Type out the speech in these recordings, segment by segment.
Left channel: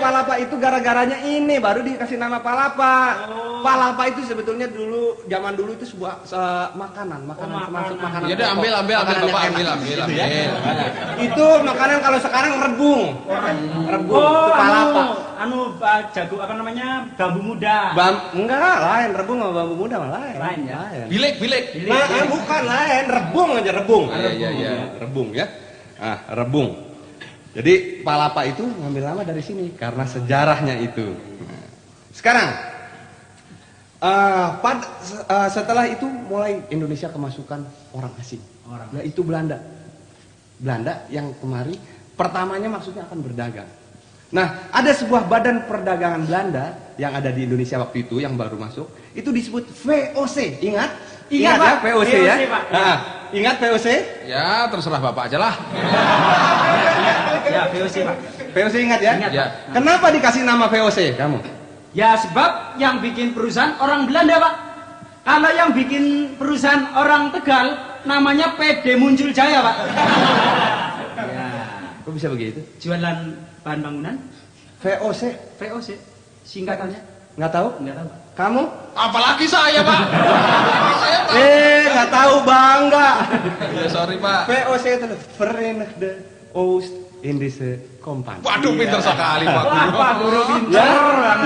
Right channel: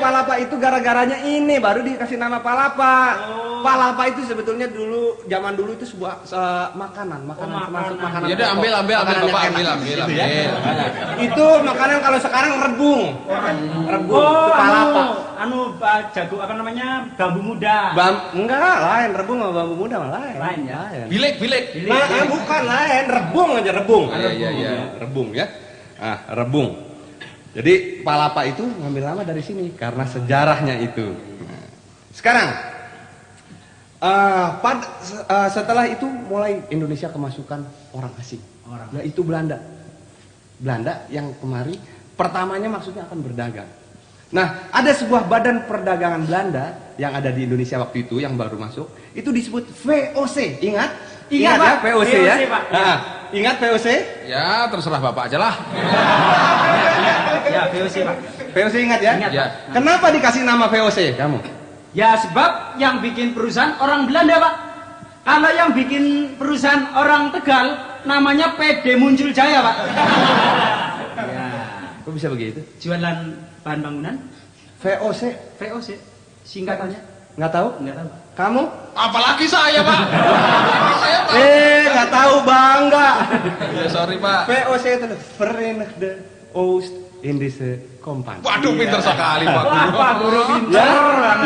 Palapa itu gara-garanya ini baru dikasih nama palapa. Palapa itu sebetulnya dulu zaman dulu itu sebuah makanan termasuk makanan. Ya udah ambil Bapak ambil. Itu makanan kalau sekarang rebung. Rebung itu palapa. Jago apa namanya? Bambu muda. Enggak, lain rebung sama bambu muda malah lain. Ya. Bilik. Nah, bukan lain, rebung aja rebung. Iya. Rebung ya. Ah, rebung. Jadi palapa itu ngambil nama dari sini karena sejarahnya itu. Sekarang setelah itu mulai Indonesia kemasukan orang asing, yaitu Belanda. Belanda yang kemari pertamanya maksudnya akan berdagang. Nah, ada sebuah badan perdagangan Belanda yang ada di Indonesia waktu itu yang baru masuk, itu disebut VOC. Ingat? Ingat ya VOC ya? Nah, ingat VOC? Ya, terserah Bapak aja lah. Ya, VOC Pak. VOC ingat ya? Ingat, Ya. Pak. Kenapa dikasih nama VOC kamu? Ya sebab yang bikin perusahaan orang Belanda Pak. Kalau yang bikin perusahaan orang Tegal namanya PD Muncul Jaya Pak. Ya. Kok bisa begitu? Jualan bahan bangunan. VOC? VOC. Singkatannya? Nggak tahu? Enggak tahu. Kamu? Apalagi saya, Pak. Saya tahu. Nggak tahu bangga. Ya, sorry, Pak. VOC itu Verenigde Oost Indische Compagnie. Waduh, pintar sekali, Pak. Apa guru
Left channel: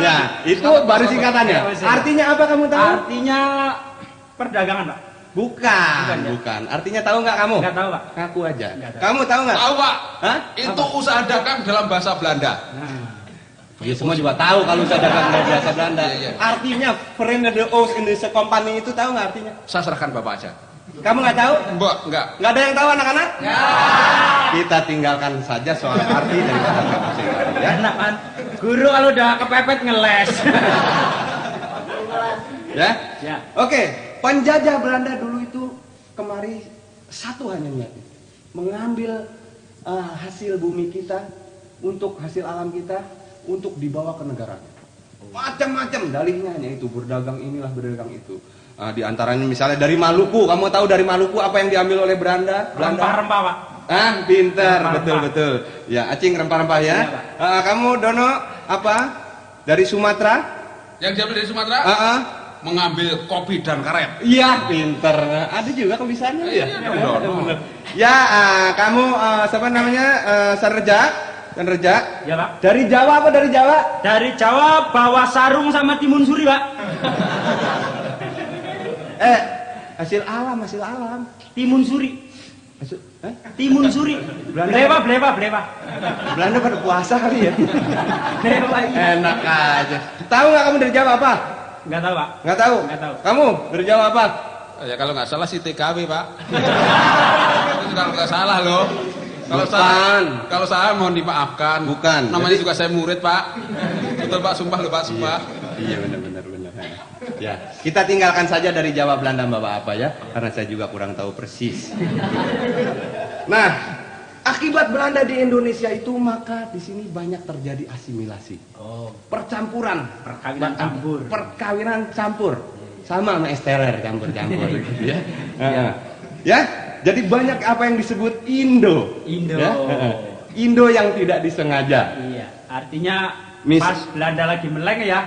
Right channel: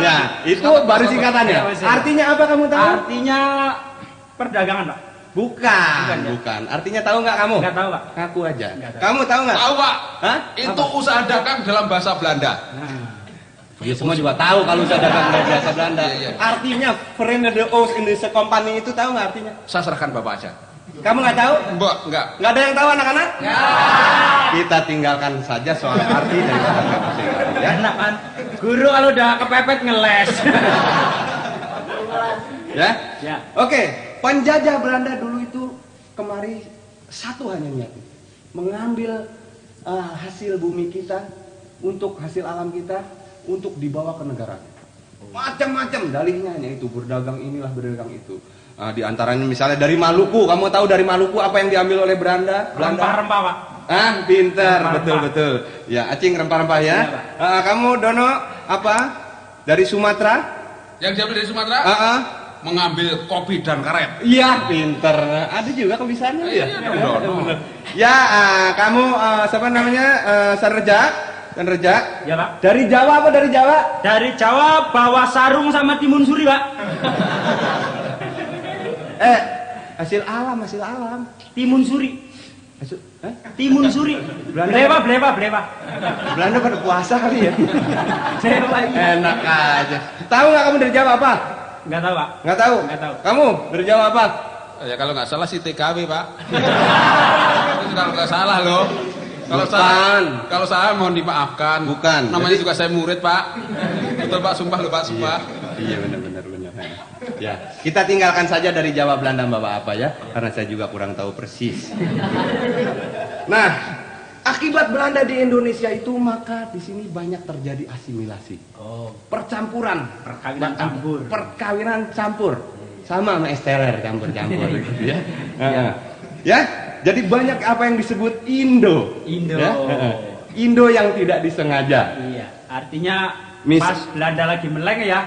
Ya, itu baru singkatannya. Artinya apa kamu tahu? Artinya perdagangan Pak. Bukan. Artinya tahu nggak kamu? Enggak tahu Pak. Ngaku aja. Nggak tahu. Kamu tahu nggak? Tahu, Pak. Hah? Itu usaha dagang dalam bahasa Belanda. Ya semua juga tahu kalau usaha dagang dari bahasa Belanda. Iya. Artinya Verenigde Oost Indische Compagnie itu tahu nggak artinya? Saya serahkan Bapak aja. Kamu nggak tahu? Mbak, enggak. Nggak ada yang tahu anak-anak? Ya. Kita tinggalkan saja soal arti dan ya. Enak kan? Guru kalau udah kepepet ngeles. Ya? Ya. Oke, penjajah Belanda dulu itu kemari satu hanya niatnya, mengambil hasil bumi kita untuk hasil alam kita untuk dibawa ke negara. Macam-macam dalihnya yaitu berdagang inilah berdagang itu. Di antaranya misalnya dari Maluku, kamu tahu dari Maluku apa yang diambil oleh Belanda? Rempah-rempah Pak. Pintar, Rempah-rempah. betul. Ya, Acing rempah-rempah ya. Iya, Kamu Dono apa? Dari Sumatera? Yang diambil dari Sumatera mengambil kopi dan karet. Iya, pinter. Ada juga kebisaannya. Iya, benar. Ya, kamu siapa namanya? Sanerja. Ya Pak. Dari Jawa apa dari Jawa? Dari Jawa bawa sarung sama timun suri Pak. Hasil alam. Timun suri. Timun suri. Belanda. Blewa. Belanda pada puasa kali ya. Blewa. Enak aja. Tahu nggak kamu dari Jawa apa? Enggak tahu Pak. Nggak tahu. Nggak tahu. Kamu dari Jawa apa? Ya kalau nggak salah si TKW, Pak. Itu sudah nggak salah loh. Kalau saya mohon dimaafkan. Bukan. Namanya juga saya murid, Pak. Betul Pak, sumpah loh Pak, sumpah. Iya benar. Ya, kita tinggalkan saja dari Jawa Belanda Bapak apa ya, karena saya juga kurang tahu persis. Nah, akibat Belanda di Indonesia itu maka di sini banyak terjadi asimilasi. Percampuran, perkawinan campur. Sama es teler campur-campur ya. Ya, jadi banyak apa yang disebut Indo. Ya? Indo yang tidak disengaja. Iya, artinya pas Belanda lagi meleng ya.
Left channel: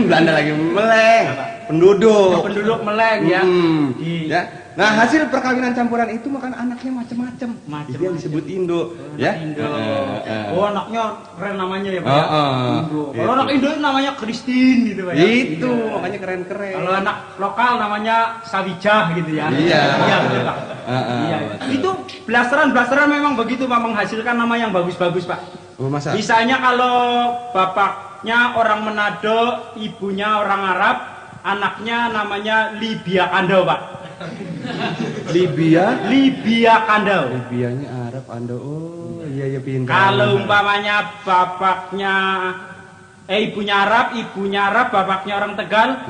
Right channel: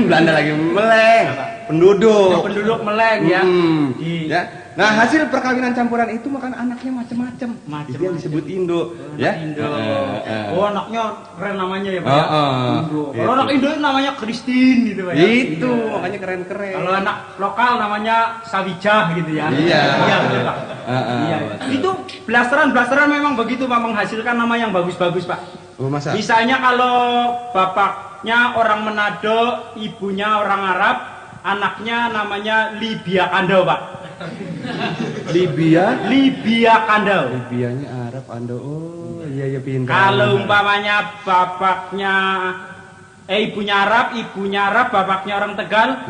Belanda lagi meleng, penduduk meleng ya. Ya. Nah, hasil perkawinan campuran itu makan anaknya macam-macam. Jadi yang disebut Indo, ya. Anaknya keren namanya ya Pak. Indo. Kalau anak Indo namanya Christine gitu Pak. Itu makanya keren-keren. Kalau anak lokal namanya Sawijah gitu ya. Iya. Itu blasteran memang begitu Pak, menghasilkan nama yang bagus-bagus Pak. Masa? Misalnya kalau bapaknya orang Manado, ibunya orang Arab, anaknya namanya Libya Kandau Pak. Libya Kandau. Libyanya Arab Ando. Oh iya pintar. Kalau umpamanya bapaknya ibunya Arab, bapaknya orang Tegal,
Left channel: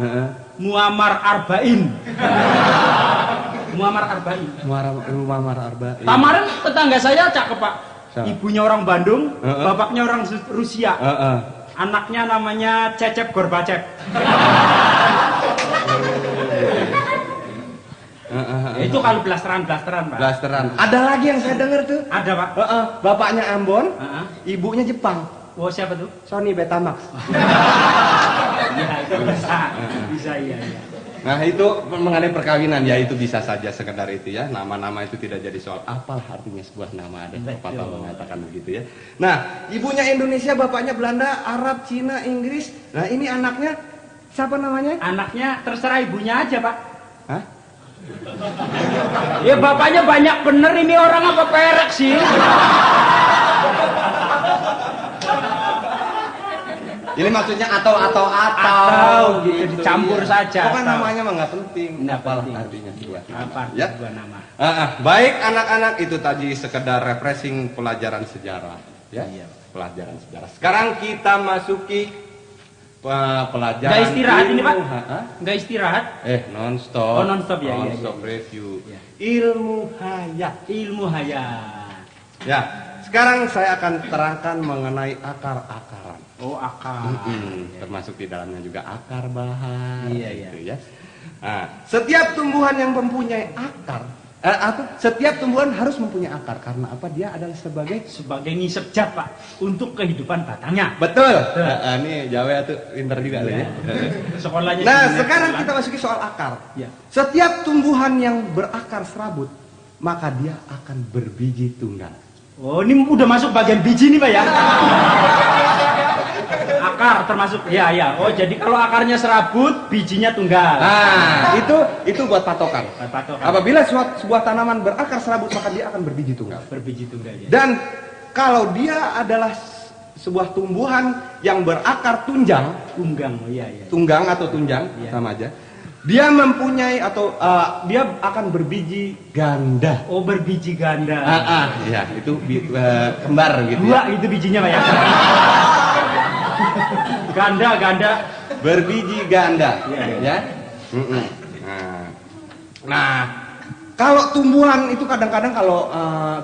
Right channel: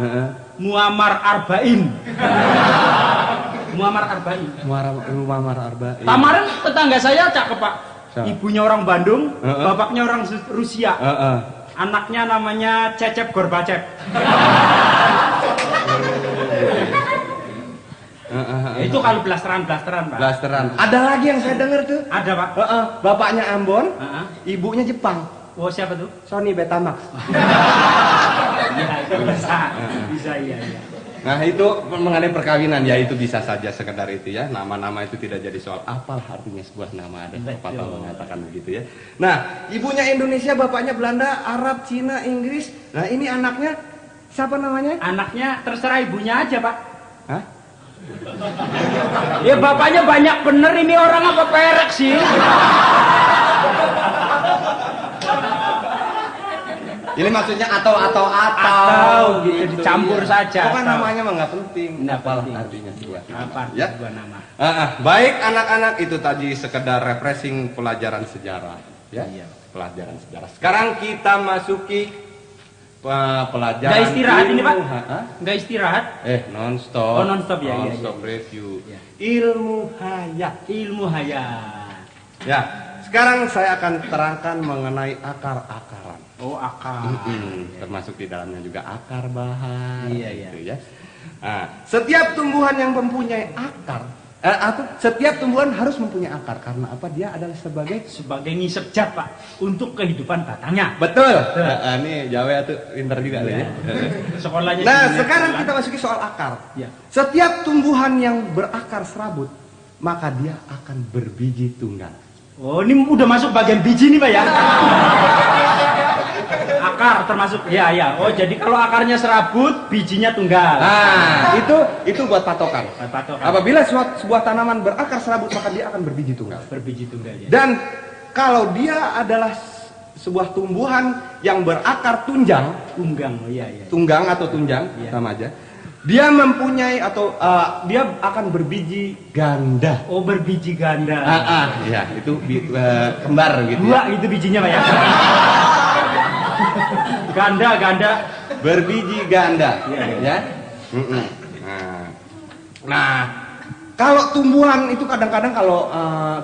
Muammar Arba'in. Muammar Arba'in. Kemarin tetangga saya cakep Pak. Ibunya orang Bandung, bapaknya orang Rusia. Anaknya namanya Cecep Gorbachev. Itu kalau blasteran-blasteran, Pak. Blasteran. Ada lagi yang saya dengar tuh. Ada, Pak. Bapaknya Ambon, Heeh. ibunya Jepang. Oh, siapa tuh? Sony Betamax. Iya, itu bisa. Bisa, iya. Nah itu mengenai perkawinan ya itu bisa saja sekedar itu ya, nama-nama itu tidak jadi soal apal artinya sebuah nama, ada pepatah mengatakan begitu ya. Nah ibunya Indonesia, bapaknya Belanda, Arab, Cina, Inggris. Nah ini anaknya siapa namanya? Anaknya terserah ibunya aja, Pak. Hah? Ya bapaknya banyak bener, ini orang apa perek sih? Ini maksudnya atau gitu, dicampur saja. Pokoknya atau. namanya mah nggak penting. Nggak Apal penting. artinya sebuah nama. Apa Ya. sebuah nama? Baik anak-anak itu tadi sekedar refreshing pelajaran sejarah ya. Iya. Pelajaran sejarah. Sekarang kita masuki pelajaran Nggak istirahat ini, Pak? Hah? Nggak istirahat? Non-stop. Oh, non-stop, ya, iya, Non-stop iya. review. Iya. Ilmu hayat. Ilmu hayat. Ya. Sekarang saya akan terangkan mengenai akar-akaran. Oh, akar. Termasuk di dalamnya juga akar bahar. Iya, gitu ya. Nah, setiap tumbuhan yang mempunyai akar, setiap tumbuhan harus mempunyai akar karena apa? Dia adalah sebagai Sebagai ngisep jat, Pak, untuk kehidupan batangnya. betul. Ini Jawa tuh pinter juga ya. Sekolahnya. Nah, dunia sekarang sekolah. kita masuk ke soal akar. Ya. Setiap tumbuhan yang berakar serabut, maka dia akan berbiji tunggal. Oh, ini udah masuk bagian biji nih, Pak ya? Akar termasuk, ya. Oh, jadi kalau akarnya serabut, bijinya tunggal. Nah, itu buat patokan. Patokan. Apabila sebuah tanaman berakar serabut, maka dia akan berbiji tunggal. Berbiji tunggal ya. Dan kalau dia adalah sebuah tumbuhan yang berakar tunjang, Tunggang, oh iya. tunggang atau tunjang, Iya. sama aja. Dia mempunyai atau dia akan berbiji ganda. Oh, berbiji ganda. Ya, itu kembar gitu. Dua itu bijinya, Pak ya? Ganda. Berbiji ganda, Iya. ya. Nah, kalau tumbuhan itu kadang-kadang kalau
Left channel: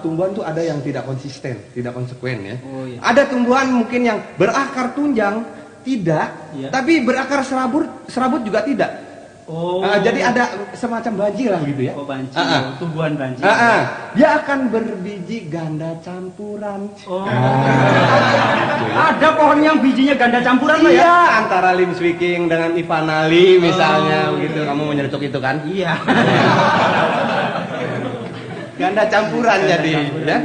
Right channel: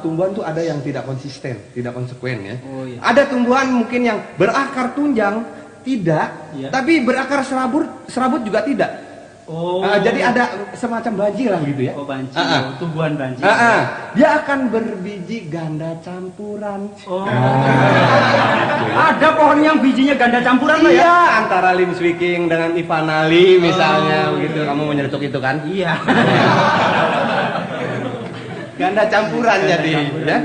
tumbuhan tuh ada yang tidak konsisten, tidak konsekuen ya. Oh, iya. Ada tumbuhan mungkin yang berakar tunjang tidak, Iya. tapi berakar serabut juga tidak. Oh. Jadi ada semacam banjiran gitu ya. Oh, banci. Ah, ah. Oh, tumbuhan banci. Dia akan berbiji ganda campuran. Oh. Ada pohon yang bijinya ganda campuran, Pak ya? Iya, antara Lim Swicking dengan Ivan Ali misalnya, begitu kamu menyetuk itu kan? Iya. Ganda campuran jadi, ya. Iya.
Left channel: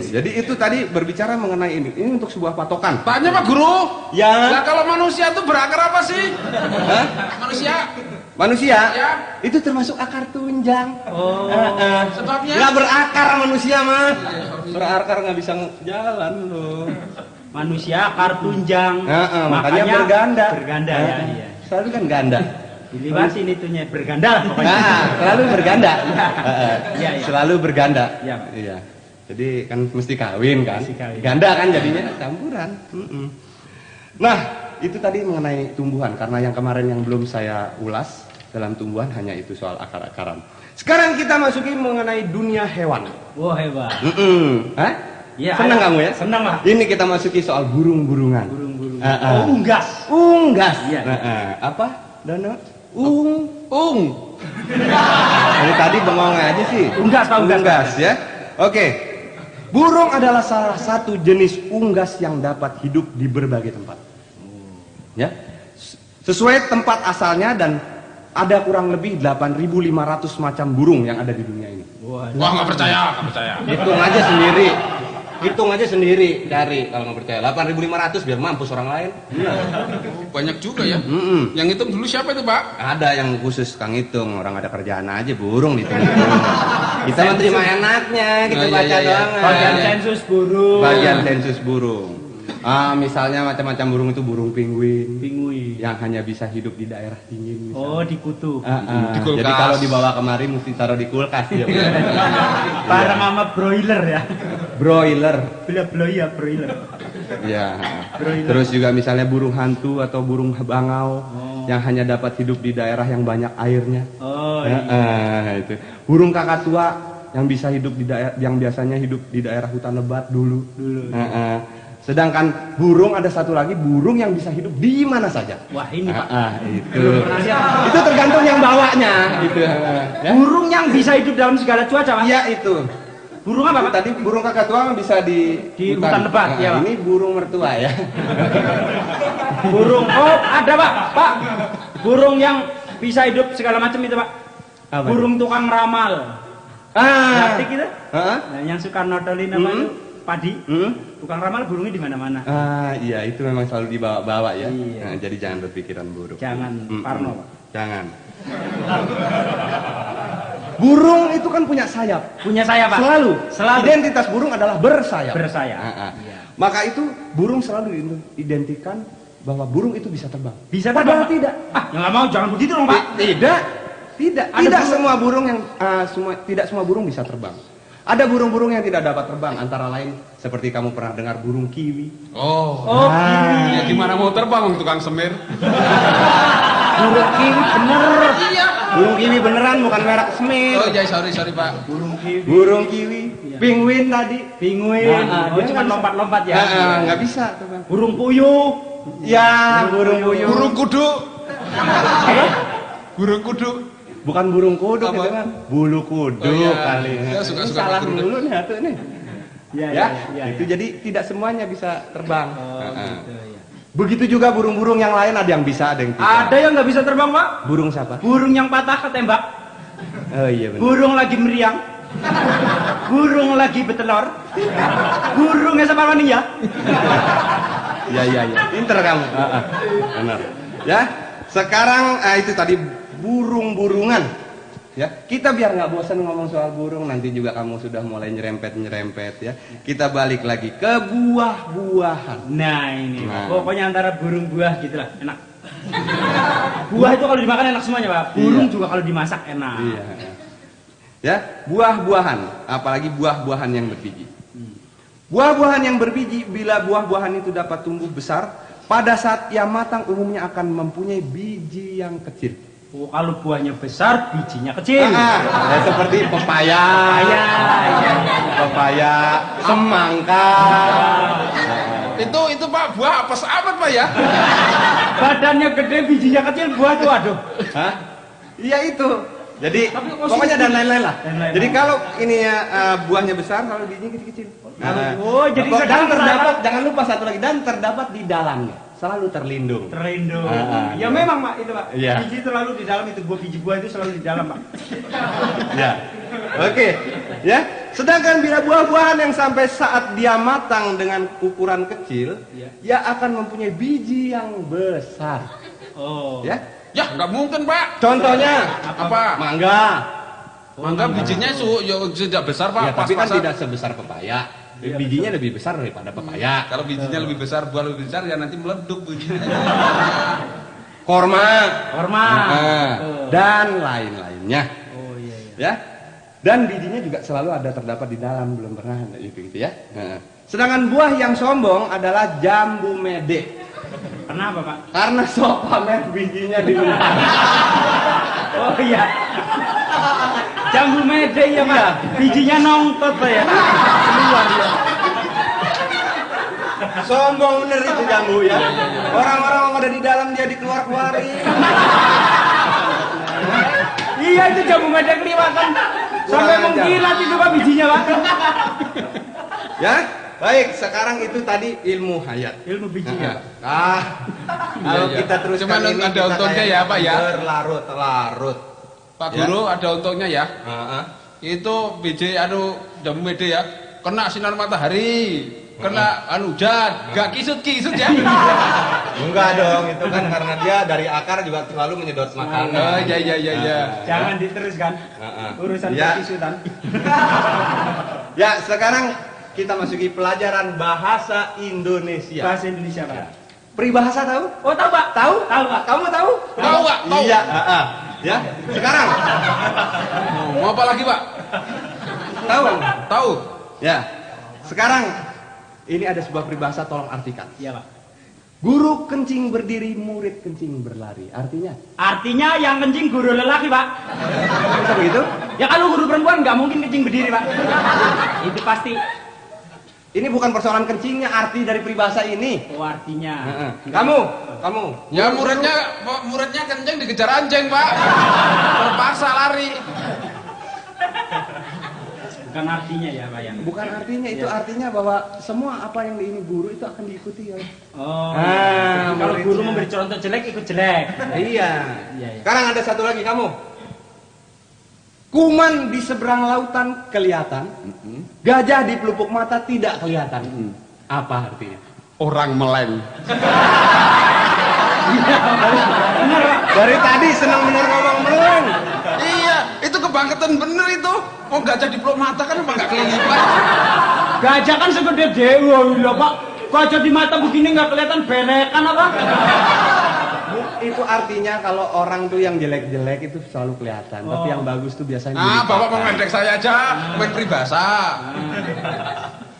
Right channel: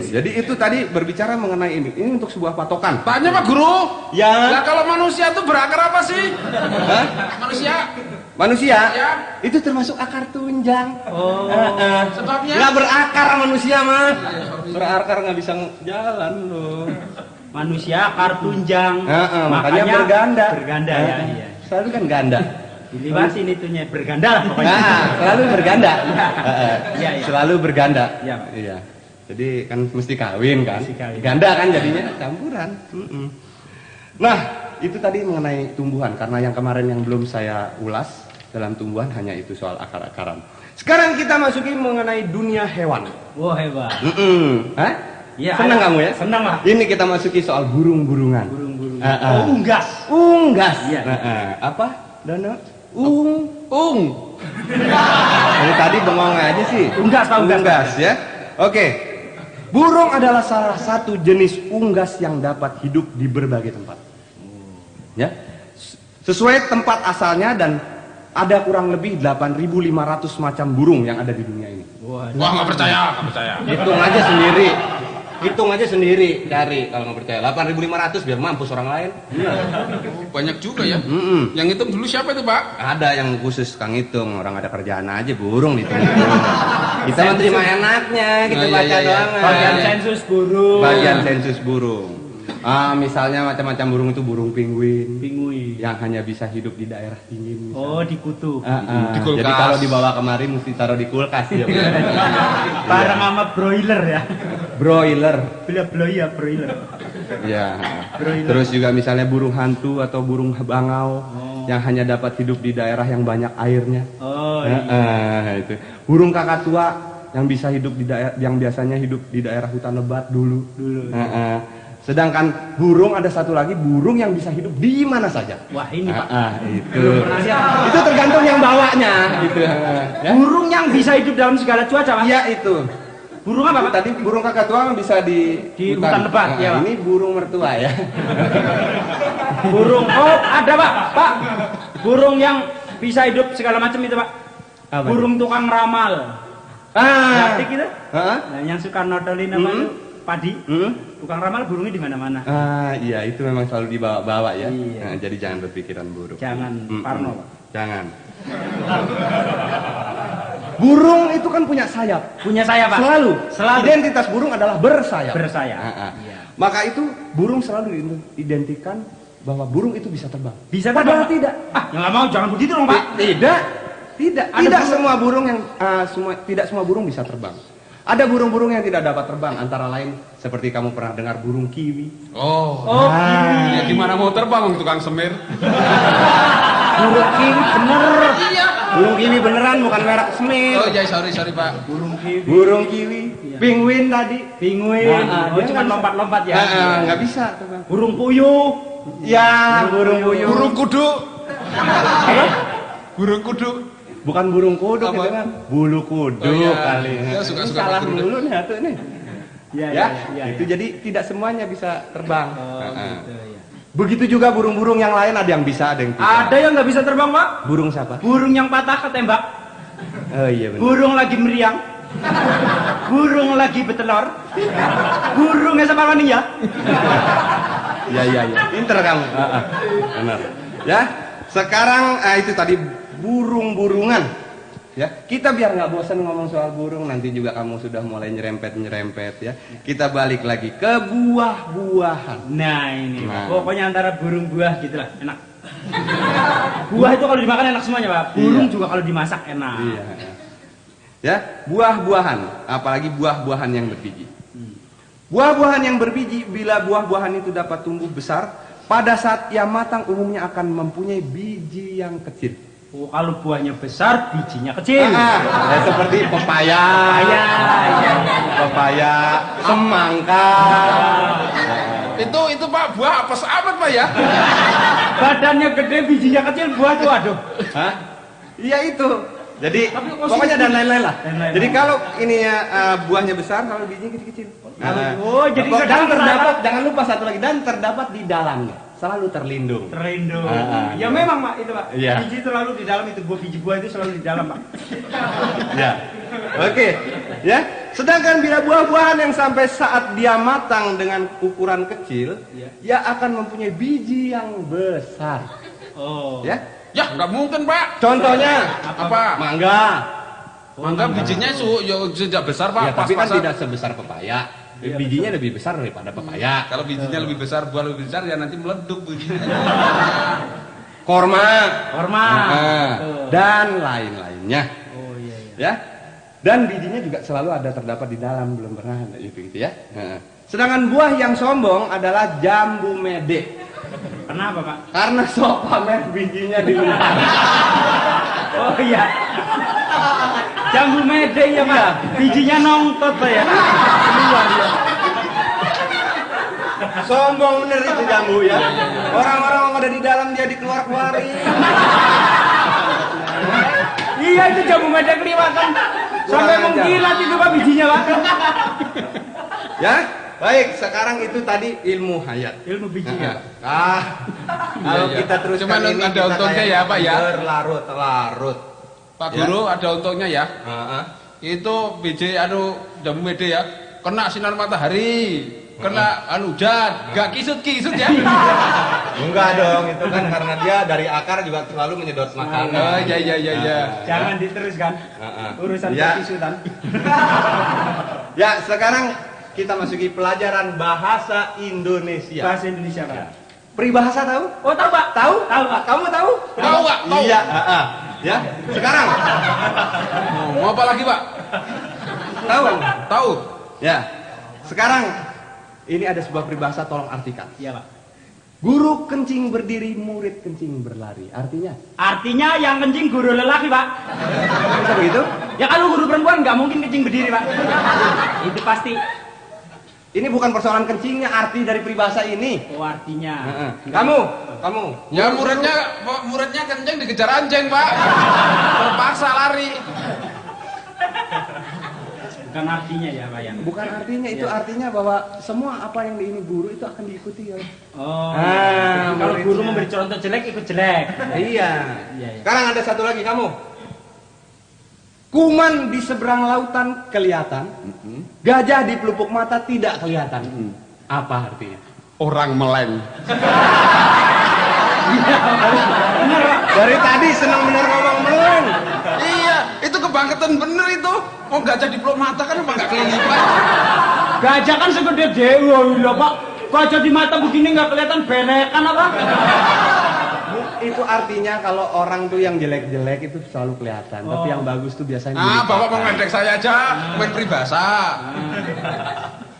Jadi itu tadi berbicara mengenai ini. Ini untuk sebuah patokan. Paknya Pak Guru. Ya. Ya kalau manusia itu berakar apa sih? Hah? Manusia. Manusia Ya. itu termasuk akar tunjang. Oh. Sebabnya? Nggak berakar manusia mah. Berakar nggak bisa jalan loh. Manusia akar tunjang. Makanya berganda. Berganda ya. Iya. Selalu kan ganda. Dilibatin itunya berganda lah pokoknya. Selalu berganda. Iya. Selalu berganda. Iya. Iya. Jadi kan mesti kawin kan. Mesti kawin. Ganda kan jadinya campuran. Nah, itu tadi mengenai tumbuhan karena yang kemarin yang belum saya ulas dalam tumbuhan hanya itu soal akar-akaran. Sekarang kita masukin mengenai dunia hewan. Wah, hebat. Hah? Iya, Senang ada. kamu ya? Senang lah. Ini kita masuki soal burung-burungan. Burung-burung. Oh, unggas. Unggas. Iya. Apa? Dana? Ini tadi bengong aja sih. Unggas, Pak, unggas. Unggas ya. Oke. Burung adalah salah satu jenis unggas yang dapat hidup di berbagai tempat. Ya. Sesuai tempat asalnya dan ada kurang lebih 8.500 macam burung yang ada di dunia ini. Wah nggak percaya. Hitung aja sendiri cari kalau nggak percaya. 8.500 biar mampus orang lain. Banyak juga ya. Yang itu dulu siapa itu Pak? Ada yang khusus Kang Hitung, orang ada kerjaan aja burung gitu. Kita mah terima enaknya, kita Iya, baca iya, iya. doang. Bagian sensus burung. Bagian sensus burung. Misalnya macam-macam burung itu burung penguin Pinguin. yang hanya bisa hidup di daerah dingin. Oh, di kutub. Di kulkas. Jadi kalau dibawa kemari mesti taruh di kulkas ya. Barang amat broiler ya. Broiler. Broiler. Ya. Broiler. Terus juga misalnya burung hantu atau burung bangau yang hanya dapat hidup di daerah yang banyak airnya. Oh, Itu. Burung kakak tua yang bisa hidup di daerah yang biasanya hidup di daerah hutan lebat dulu. Sedangkan burung ada satu lagi, burung yang bisa hidup di mana saja. Wah ini Pak. Itu. Itu tergantung yang bawanya. Gitu. Ya? Burung yang bisa hidup dalam segala cuaca Pak. Iya itu. Burung apa Pak? Tadi burung kakatua bisa di hutan lebat, ya, Pak. Ini burung mertua ya. Burung, oh ada Pak. Pak, burung yang bisa hidup segala macam itu Pak. Apa? Burung tukang ramal. Ngerti gitu? Nah, yang suka nodolin apa padi. Tukang ramal burungnya di mana-mana. Iya itu memang selalu dibawa-bawa ya. Iya. Nah, jadi jangan berpikiran buruk. Jangan parno Pak. Jangan. Burung itu kan punya sayap. Punya saya Pak. Selalu. Selalu. Identitas burung adalah bersayap. Bersayap. Iya. Maka itu burung selalu identikan bahwa burung itu bisa terbang. Bisa Padahal terbang? tidak. Nggak mau, jangan begitu dong Pak. Tidak. Tidak. Ada Tidak burung- semua burung yang tidak semua burung bisa terbang. Ada burung-burung yang tidak dapat terbang, antara lain seperti kamu pernah dengar burung kiwi. Oh. Kiwi. Ya gimana mau terbang tukang semir? Burung kiwi bener. Iya. Burung kiwi beneran bukan merek semir. Oh, ya sorry Pak. Burung kiwi. Penguin tadi. Penguin. Dia Cuma nggak- lompat-lompat ya. Nggak bisa terbang. Burung puyuh. Ya, burung puyuh. Burung kudu. Burung kudu. Bukan burung kuduk Apa? itu kan. Bulu kuduk Oh, iya. kali. Saya suka-suka Salah pakai dulu nih atuh nih. Iya, Ya, iya. itu jadi tidak semuanya bisa terbang. Gitu, ya. Begitu juga burung-burung yang lain ada yang bisa, ada yang tidak. Ada yang nggak bisa terbang Pak. Burung siapa? Burung yang patah ketembak. Oh iya benar. Burung lagi meriang. Burung lagi betelor. Burungnya sama mania. Iya iya iya. Pinter kamu. Benar. Ya. Sekarang itu tadi burung-burungan. Ya, kita biar nggak bosan ngomong soal burung, nanti juga kamu sudah mulai nyerempet ya. Kita balik lagi ke buah-buahan. Nah ini, Nah. pokoknya antara burung buah gitulah, enak. Buah itu kalau dimakan enak semuanya Pak. Burung Iya. juga kalau dimasak enak. Iya. Ya, buah-buahan, apalagi buah-buahan yang berbiji. Buah-buahan yang berbiji, bila buah-buahan itu dapat tumbuh besar, pada saat ia matang umumnya akan mempunyai biji yang kecil. Oh, kalau buahnya besar, bijinya kecil. Ya, seperti pepaya, pepaya, semangka. Itu Pak buah apa amat Pak ya? Badannya gede, bijinya kecil, buah tuh aduh. Hah? Iya itu. Jadi Tapi kok pokoknya sih- dan lain-lain lah. Dan lain-lain. Jadi kalau ini ya buahnya besar, kalau bijinya kecil-kecil. Oh, jadi dan sedang terdapat, jangan lupa satu lagi, dan terdapat di dalamnya, selalu terlindung. Terlindung. Iya. Ya memang Pak itu Pak. Iya. Biji itu selalu di dalam itu, biji buah itu selalu di dalam Pak. Ya. Oke. Ya. Sedangkan bila buah-buahan yang sampai saat dia matang dengan ukuran kecil, ia akan mempunyai biji yang besar. Oh. Ya. Ya nggak mungkin Pak. Contohnya Apa? mangga. Mangga bijinya ya sudah besar Pak. Ya, tapi kan Pas-pasan. tidak sebesar pepaya. Bijinya lebih besar daripada pepaya. Kalau bijinya lebih besar, buah lebih besar ya nanti meleduk. Korma. Hormat. Dan lain-lainnya. Oh iya iya. Ya. Dan bijinya juga selalu ada terdapat di dalam, belum pernah gitu ya. Sedangkan buah yang sombong adalah jambu mede. Kenapa Pak? Karena sok pamer bijinya di luar. Oh iya. Jambu mede ya Pak. Bijinya nongtot Pak ya. Sombong bener itu jambu ya. Orang-orang yang ada di dalam dia dikeluar-keluarin. Iya itu jambu mede kelihatan. Sampai Kurang ajar. mengkilat itu Pak bijinya Pak. Ya. Baik, sekarang itu tadi ilmu hayat. Ilmu biji ya. Kalau Iya. kita terus Cuman ada untungnya ya, Pak, ya. Berlarut-larut. Pak Guru ada untungnya ya. Heeh. Itu biji jambu mede ya. Kena sinar matahari, kena hujan, gak kisut-kisut ya. Enggak dong, itu kan karena dia dari akar juga selalu menyedot makanan. Oh, iya. Jangan diteruskan. Urusan Ya. kesusutan. Ya, sekarang kita masuki pelajaran bahasa Indonesia. Bahasa Indonesia Pak. Peribahasa tahu? Oh tahu Pak? Tahu? Tahu Pak. Kamu tahu? Tahu, Pak, tahu. Iya, Ya. Sekarang Mau apa lagi Pak? tahu? Tahu. Ya. Sekarang ini ada sebuah peribahasa, tolong artikan. Iya Pak. Guru kencing berdiri, murid kencing berlari. Artinya? Artinya yang kencing guru lelaki Pak. Bisa begitu? Ya kalau guru perempuan nggak mungkin kencing berdiri Pak. Itu pasti. Ini bukan persoalan kencingnya, arti dari peribahasa ini. Oh, artinya. Kamu. Ya muridnya kencing dikejar anjing, Pak. Terpaksa lari. Bukan artinya ya, Pak ya. Bukan artinya, itu artinya bahwa semua apa yang ini guru itu akan diikuti oleh. Oh. Kalau muridnya. guru memberi contoh jelek itu jelek. Iya. Iya. Sekarang ada satu lagi kamu. Kuman di seberang lautan kelihatan, gajah di pelupuk mata tidak kelihatan. Apa artinya? Orang meleng. Dari tadi senang benar ngomong meleng. Iya, itu kebangkitan bener itu. Oh gajah di peluk mata kan emang gak kelihatan. Gajah kan segede dewa lho, Pak. Gajah di mata begini nggak kelihatan belekan apa? Itu artinya kalau orang tuh yang jelek-jelek itu selalu kelihatan, tapi yang bagus tuh biasanya. Bapak mau ngedek saya aja, main peribahasa.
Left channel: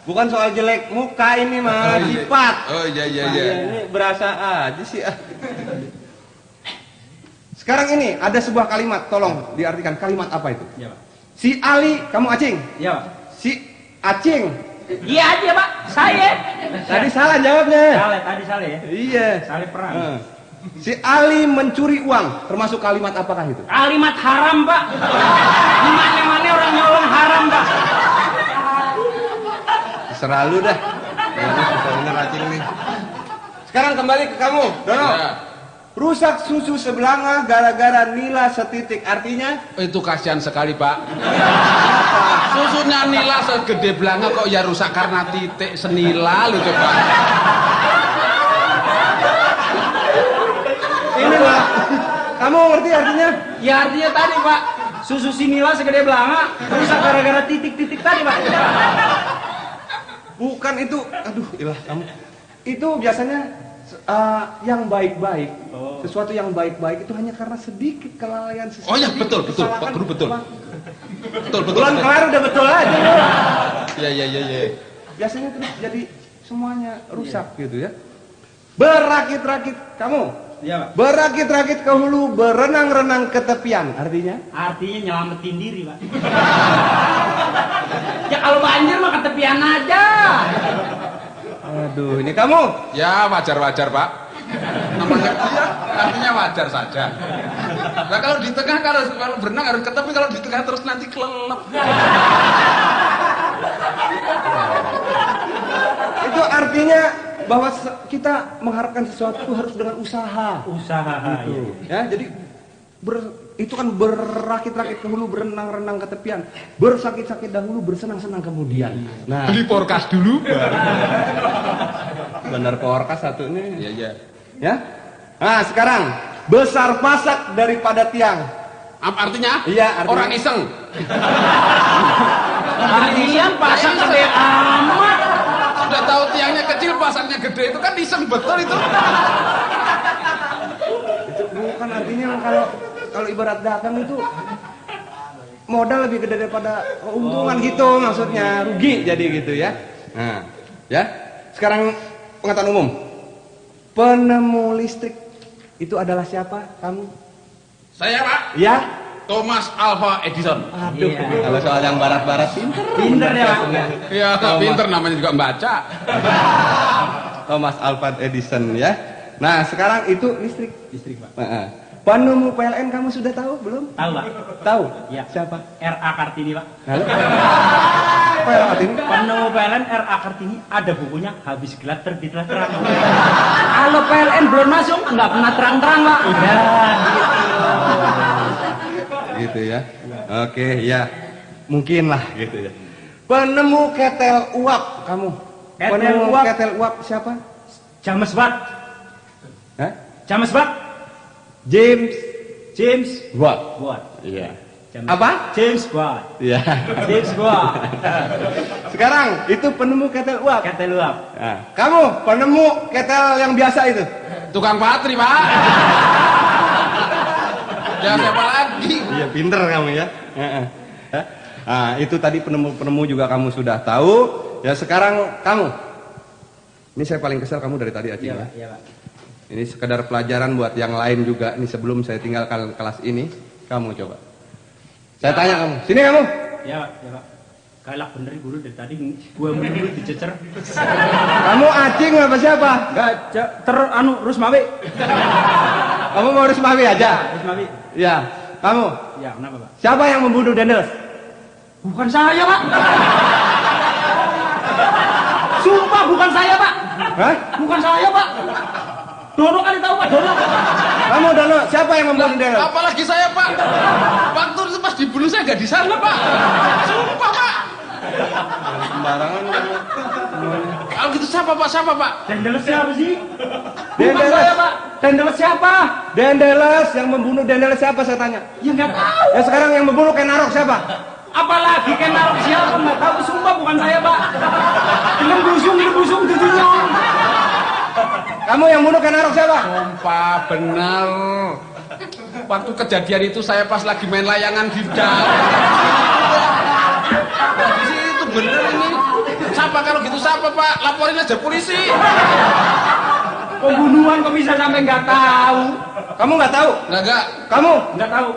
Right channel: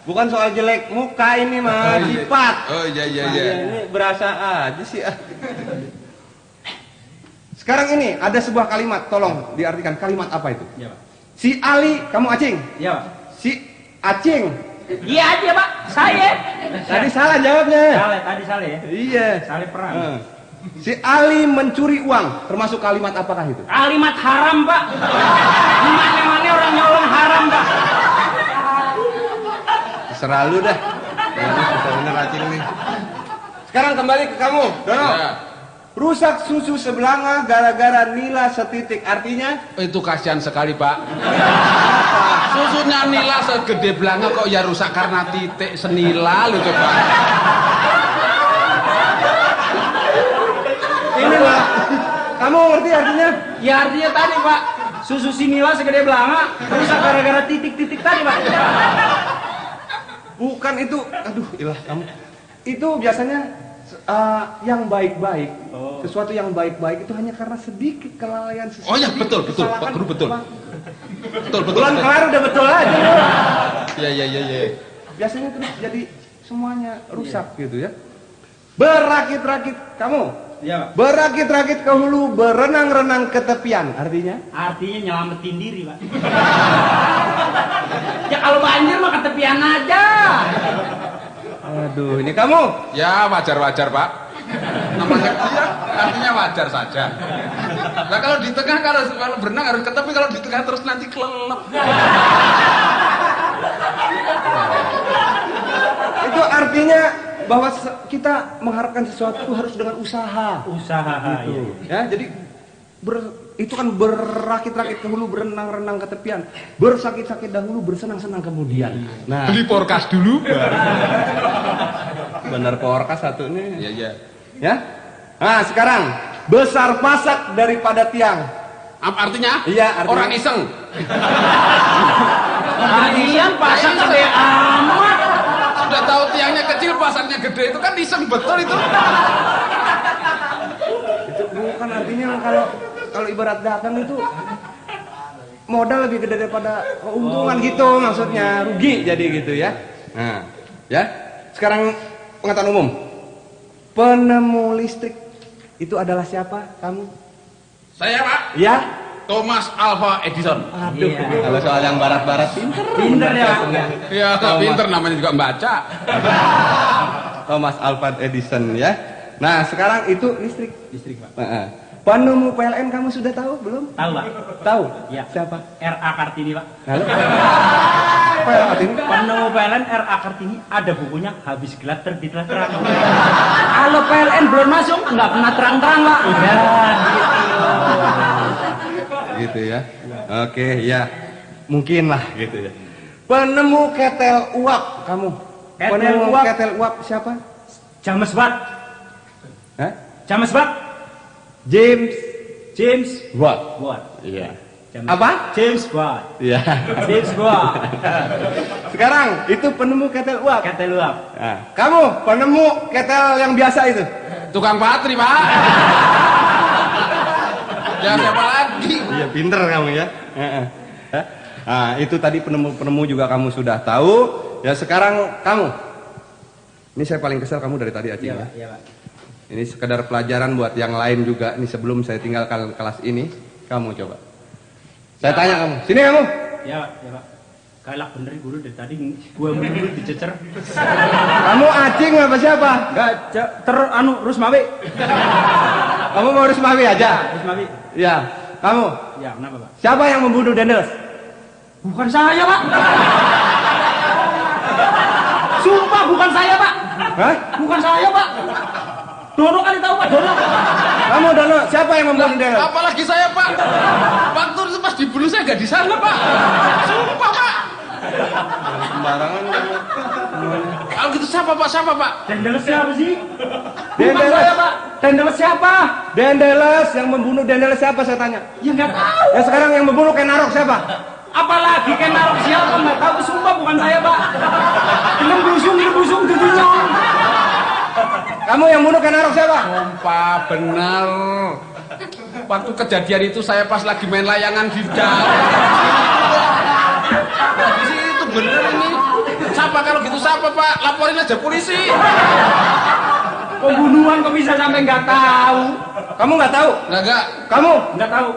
Bukan soal jelek muka ini mah, sifat. Oh iya. Ini berasa aja sih. Sekarang ini ada sebuah kalimat, tolong diartikan kalimat apa itu? Iya, Pak. Si Ali, kamu Acing. Iya, Pak. Si Acing. Iya aja, Pak. Saya. Tadi salah jawabnya. Tadi salah ya. Iya. Salah perang. Si Ali mencuri uang, termasuk kalimat apakah itu? Kalimat haram, Pak. Gimana orang nyolong haram, Pak? Terserah lu dah. Bener Acing nih. Sekarang kembali ke kamu, Dono. Ya. Rusak susu sebelanga gara-gara nila setitik, artinya? Itu kasihan sekali, Pak. Susunya nila segede belanga kok ya rusak karena titik senila lu coba. Ini lah. Kamu ngerti artinya? Ya artinya tadi, Pak. Susu sinila segede belanga rusak gara-gara titik-titik tadi, Pak. Bukan itu. Aduh, ilah kamu. Itu biasanya yang baik-baik. Sesuatu yang baik-baik itu hanya karena sedikit kelalaian sesuatu. Oh ya betul Pak Guru betul. Betul. Bulan kelar udah betul aja. Iya. Biasanya terus jadi semuanya rusak gitu ya. Berakit-rakit kamu. Iya, Pak. Berakit-rakit ke hulu, berenang-renang ke tepian. Artinya? Artinya nyelamatin diri, Pak. Ya kalau banjir mah ketepian aja. Aduh, ini kamu. Ya wajar Pak. Namanya dia artinya wajar saja. Nah kalau di tengah kalau berenang harus ke tepi, kalau di tengah terus nanti kelelep. Itu artinya bahwa kita mengharapkan sesuatu itu harus dengan usaha. Usaha Gitu. Ya, jadi itu kan berakit-rakit ke hulu, berenang-renang ke tepian, bersakit-sakit dahulu, bersenang-senang kemudian. Nah, Beli porkas dulu. benar porkas satunya. Iya. Ya. Nah, sekarang besar pasak daripada tiang. Apa artinya? Iya, artinya Orang iseng. Artinya pasang gede amat. Udah tahu tiangnya kecil, pasangnya gede, itu kan iseng betul itu. Itu bukan artinya kalau ibarat dagang itu modal lebih gede daripada keuntungan gitu, maksudnya rugi jadi gitu ya. Nah, ya. Sekarang pengetahuan umum. Penemu listrik itu adalah siapa? Kamu? Saya Pak. Ya. Thomas Alva Edison. Aduh, kalau soal yang barat-barat Pinter ya. Ya, pinter namanya juga membaca. Thomas Alva Edison ya. Nah, sekarang itu listrik, Pak. Penemu PLN kamu sudah tahu belum? Tahu, Pak? Tahu? Ya. Siapa? R.A. Kartini, Pak. Halo? PLN. Penemu PLN R.A. Kartini ada bukunya, habis gelap terbitlah terang. Kalau PLN belum masuk nggak pernah terang-terang, Pak. Iya. Gitu ya. Oke, ya. Mungkin lah gitu ya. Penemu ketel uap kamu. Ketel Penemu uap. ketel uap siapa? James Watt. Hah? James Watt. James Watt. Watt. Iya. James- Apa? James Watt. Iya. James Watt. Sekarang itu penemu ketel uap. Ketel uap. Nah, kamu penemu ketel yang biasa itu. Tukang patri, Pak. Ya siapa lagi? Iya, pinter kamu ya. Heeh. Nah, itu tadi penemu-penemu juga kamu sudah tahu. Ya, sekarang kamu. Ini saya paling kesal kamu dari tadi, Aceh. Iya, Ya. Pak. Iya, Pak. Ini sekedar pelajaran buat yang lain juga. Ini sebelum saya tinggalkan kelas ini, kamu coba. Saya tanya kamu. Sini kamu. Iya, Pak. Iya, Pak. Galak bener guru dari tadi 2 minggu dicecer. Kamu acing apa siapa? Enggak Rusmawi. Kamu mau Rusmawi aja? Rusmawi. Ya. Kamu? Ya, kenapa, Pak? Siapa yang membunuh Dendels? Bukan saya, Pak. Sumpah bukan saya, Pak. Hah? Bukan saya, Pak. Dono kan tahu, Pak, Dono. Kamu Dono, siapa yang membunuh Dendels? Apalagi saya, Pak. Waktu itu pas dibunuh saya nggak di sana, Pak. Sumpah, Pak. Sembarangan. Kalau gitu siapa, Pak? Siapa, Pak? Dendels siapa sih? Bukan Dendels. saya, Pak. Dendels siapa? Dendeles yang membunuh Dendeles siapa saya tanya? Ya nggak tahu. Yang sekarang yang membunuh Ken Arok siapa? Apalagi kan narok siapa nggak tahu. Sumpah bukan saya, Pak. Belum busung jadinya. Kamu yang bunuh Ken Arok siapa? Sumpah, benar. Waktu kejadian itu saya pas lagi main layangan di itu bener ini. Siapa kalau gitu siapa, Pak? Laporin aja polisi. Pembunuhan kok bisa sampai nggak tahu? Kamu nggak tahu? Enggak. Kamu? Nggak tahu.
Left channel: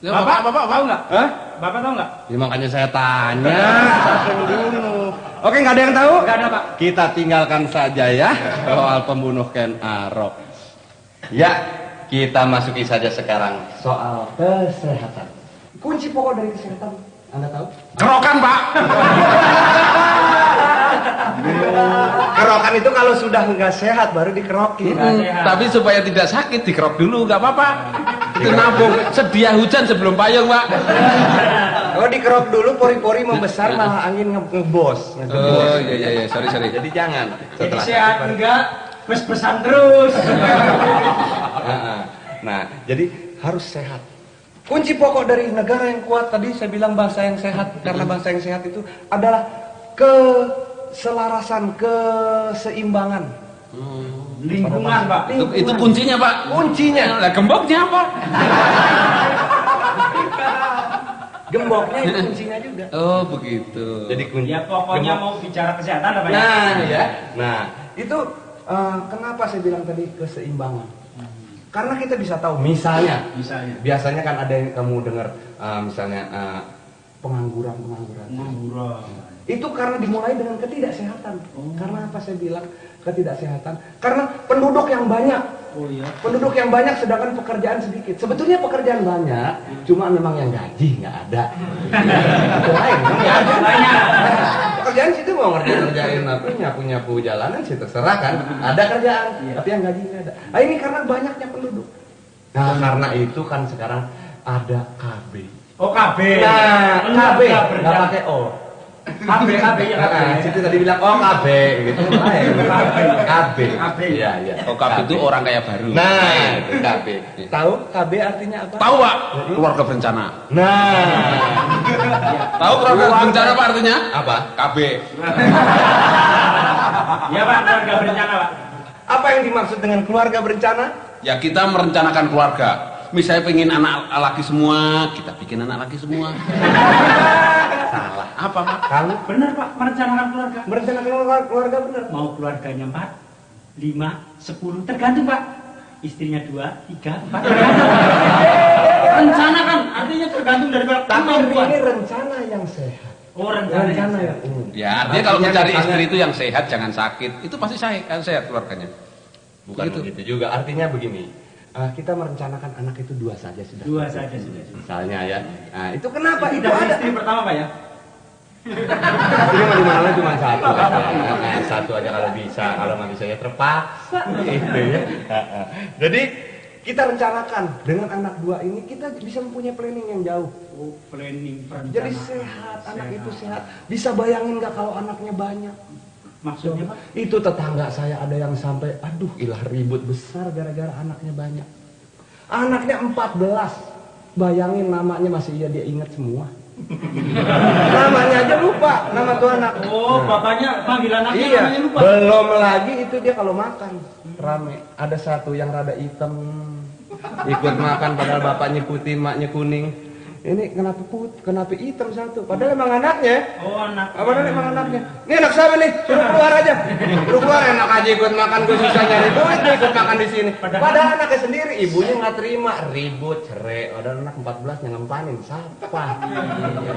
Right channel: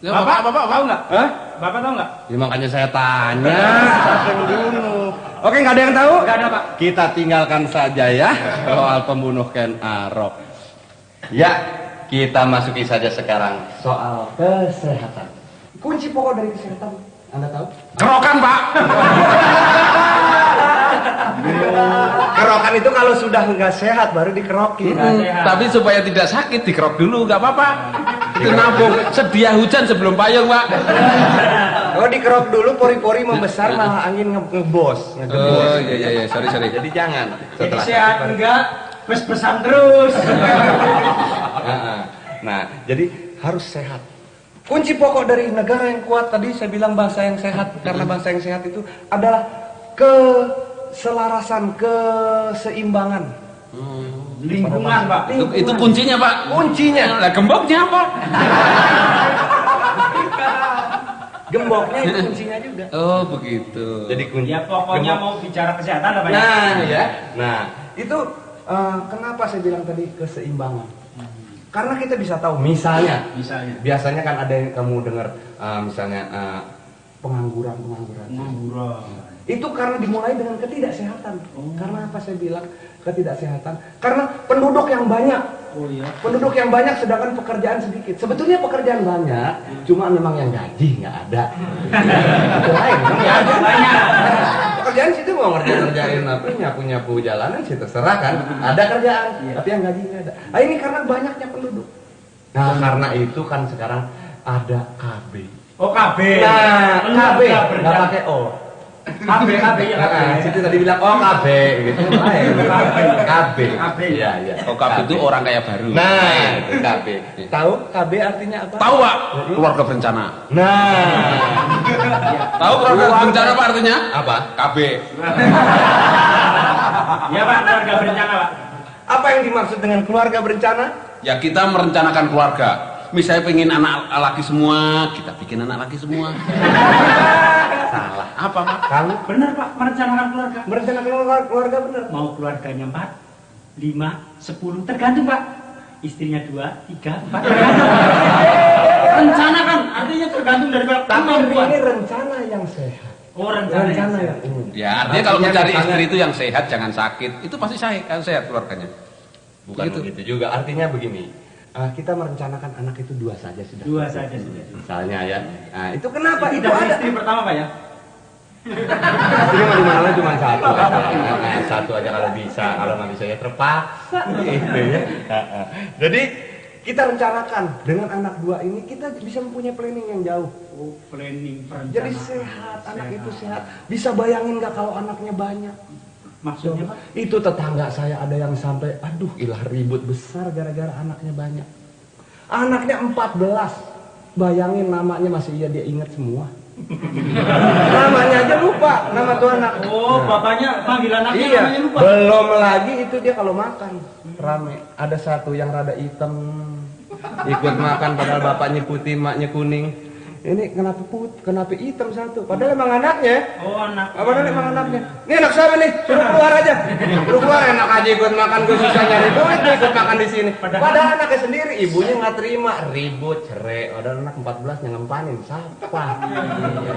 Ya, Bapak Bapak tahu nggak? Hah? Bapak tahu nggak? Ya, makanya saya tanya. Siapa yang bunuh? Oke, nggak ada yang tahu? Nggak ada, Pak. Kita tinggalkan saja ya soal pembunuh Ken Arok. Ya, kita masuki saja sekarang soal kesehatan. Kunci pokok dari kesehatan, Anda tahu? Kerokan, Pak. Kerokan itu kalau sudah nggak sehat baru dikerokin. Tapi supaya tidak sakit dikerok dulu, nggak apa-apa. Itu nabung. Sedia hujan sebelum payung, Pak. Kalau dikerok dulu pori-pori membesar malah angin ngebos. Oh iya, sorry. Jadi jangan. Setelah Sehat enggak? Bes-besan terus. Nah, jadi harus sehat. Kunci pokok dari negara yang kuat tadi saya bilang bangsa yang sehat, karena bangsa yang sehat itu adalah keselarasan, keseimbangan. Lingkungan, Pak. Itu kuncinya, Pak. Kuncinya. Lah gemboknya apa? Gemboknya itu kuncinya juga. Oh, begitu. Jadi kunci. Ya pokoknya gembok. mau bicara kesehatan apa ya? Nah, ya. Nah, itu kenapa saya bilang tadi keseimbangan? Karena kita bisa tahu, misalnya, biasanya kan ada yang kamu dengar, misalnya pengangguran. Itu karena dimulai dengan ketidaksehatan. Karena apa saya bilang ketidaksehatan? Karena penduduk yang banyak. Penduduk yang banyak sedangkan pekerjaan sedikit. Sebetulnya pekerjaan banyak, cuma memang yang gaji nggak ada. Itu lain. Pekerjaan situ mau ngerjain apa, nyapu jalanan sih terserah kan. Ada kerjaan, tapi yang gaji nggak ada. Nah, ini karena banyaknya penduduk. Nah, karena itu kan sekarang ada KB. Oh, KB. Nah, KB nggak pakai O. KB ya. Situ tadi bilang KB gitu. KB. Iya. Oh, KB itu orang kaya baru. Nah, itu KB. Tahu KB artinya apa? Tahu, Pak? Keluarga berencana. Nah, Tahu keluarga berencana apa artinya? apa? KB. Ya, Pak, keluarga berencana, Pak. Apa yang dimaksud dengan keluarga berencana? Ya kita merencanakan keluarga. Misalnya pengen anak laki semua, kita bikin anak laki semua. Salah. Apa, Pak? Kamu Bener, Pak, merencanakan keluarga. berencana keluarga bener. Mau keluarganya 4, 5, 10, tergantung, Pak. Istrinya 2, 3, 4. Rencana kan, artinya tergantung dari kemampuan. Ini rencana yang sehat. Oh, rencana yang Ya artinya kalau mencari istri itu yang sehat, jangan sakit. Itu pasti sehat keluarganya. Bukan begitu juga. Artinya begini. Kita merencanakan anak itu 2 saja sudah. 2 saja sudah. Misalnya ya. Nah, itu kenapa? Itu Udah ada. istri pertama, Pak ya? Cuma dimana cuma satu. Nah, satu aja kalau bisa. Kalau nggak bisa ya terpaksa. Gitu ya. Jadi kita rencanakan dengan anak 2 ini kita bisa mempunyai planning yang jauh. Oh, planning, perencanaan. Jadi sehat, anak itu sehat. Bisa bayangin nggak kalau anaknya banyak? Maksudnya, Pak? Itu tetangga saya ada yang sampai, aduh ilah ribut besar gara-gara anaknya banyak. Anaknya 14. Bayangin namanya masih dia ingat semua. Namanya aja lupa, nama tuh anak. Oh, bapaknya panggil anaknya Iya, namanya lupa. belum lagi itu dia kalau makan rame. Ada satu yang rada hitam ikut makan padahal bapaknya putih, maknya kuning. Ini kenapa hitam satu? Padahal emang anaknya. Oh, anak. Apa nih emang anaknya? Ini anak siapa nih? Suruh keluar aja. Suruh keluar, enak aja ikut makan, gue susah nyari duit gue ikut makan di sini. Padahal anaknya sendiri, ibunya nggak terima, ribut, cerai. Padahal anak 14 yang ngempanin, siapa?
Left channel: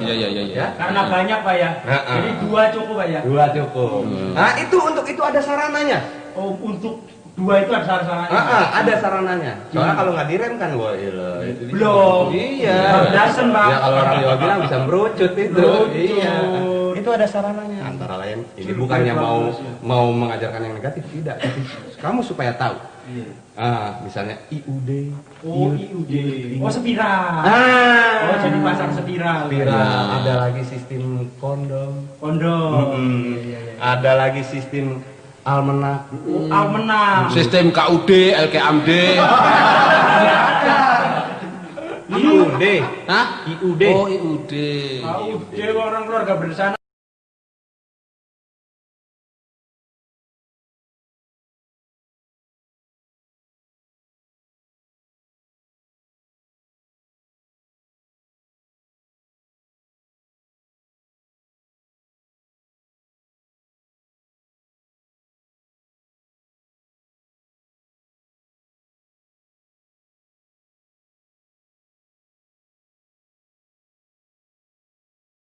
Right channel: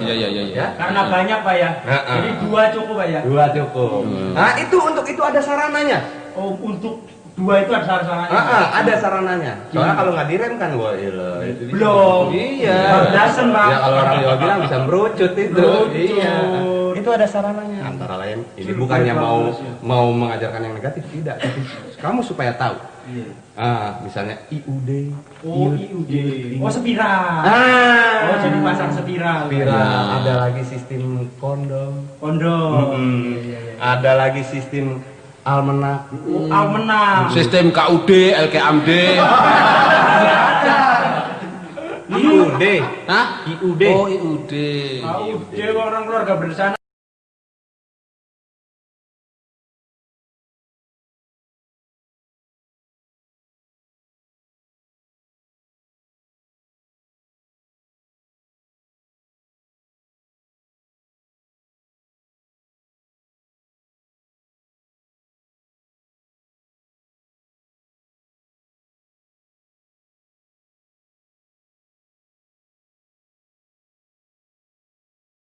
Iya. Karena banyak Pak ya. Jadi 2 cukup Pak ya. 2 cukup. Nah itu untuk itu ada sarananya. Oh, untuk 2 itu ada sarannya. Ada sarananya. Soalnya kalau nggak direm kan, wah itu Belum. Iya. Dasen Pak. Ya kalau orang Jawa bilang bisa merucut itu. Merucut. Iya. Itu ada sarananya. Antara lain, ini bukannya mau mengajarkan yang negatif, tidak. Tapi kamu supaya tahu. Misalnya IUD. Oh, IUD. Oh, spiral. Oh, jadi pasang spiral. Ada lagi sistem kondom. Kondom. Ada lagi sistem almanak. Almanak. Sistem KUD, LKMD. IUD. Hah? IUD. Oh, IUD. IUD orang keluarga berencana.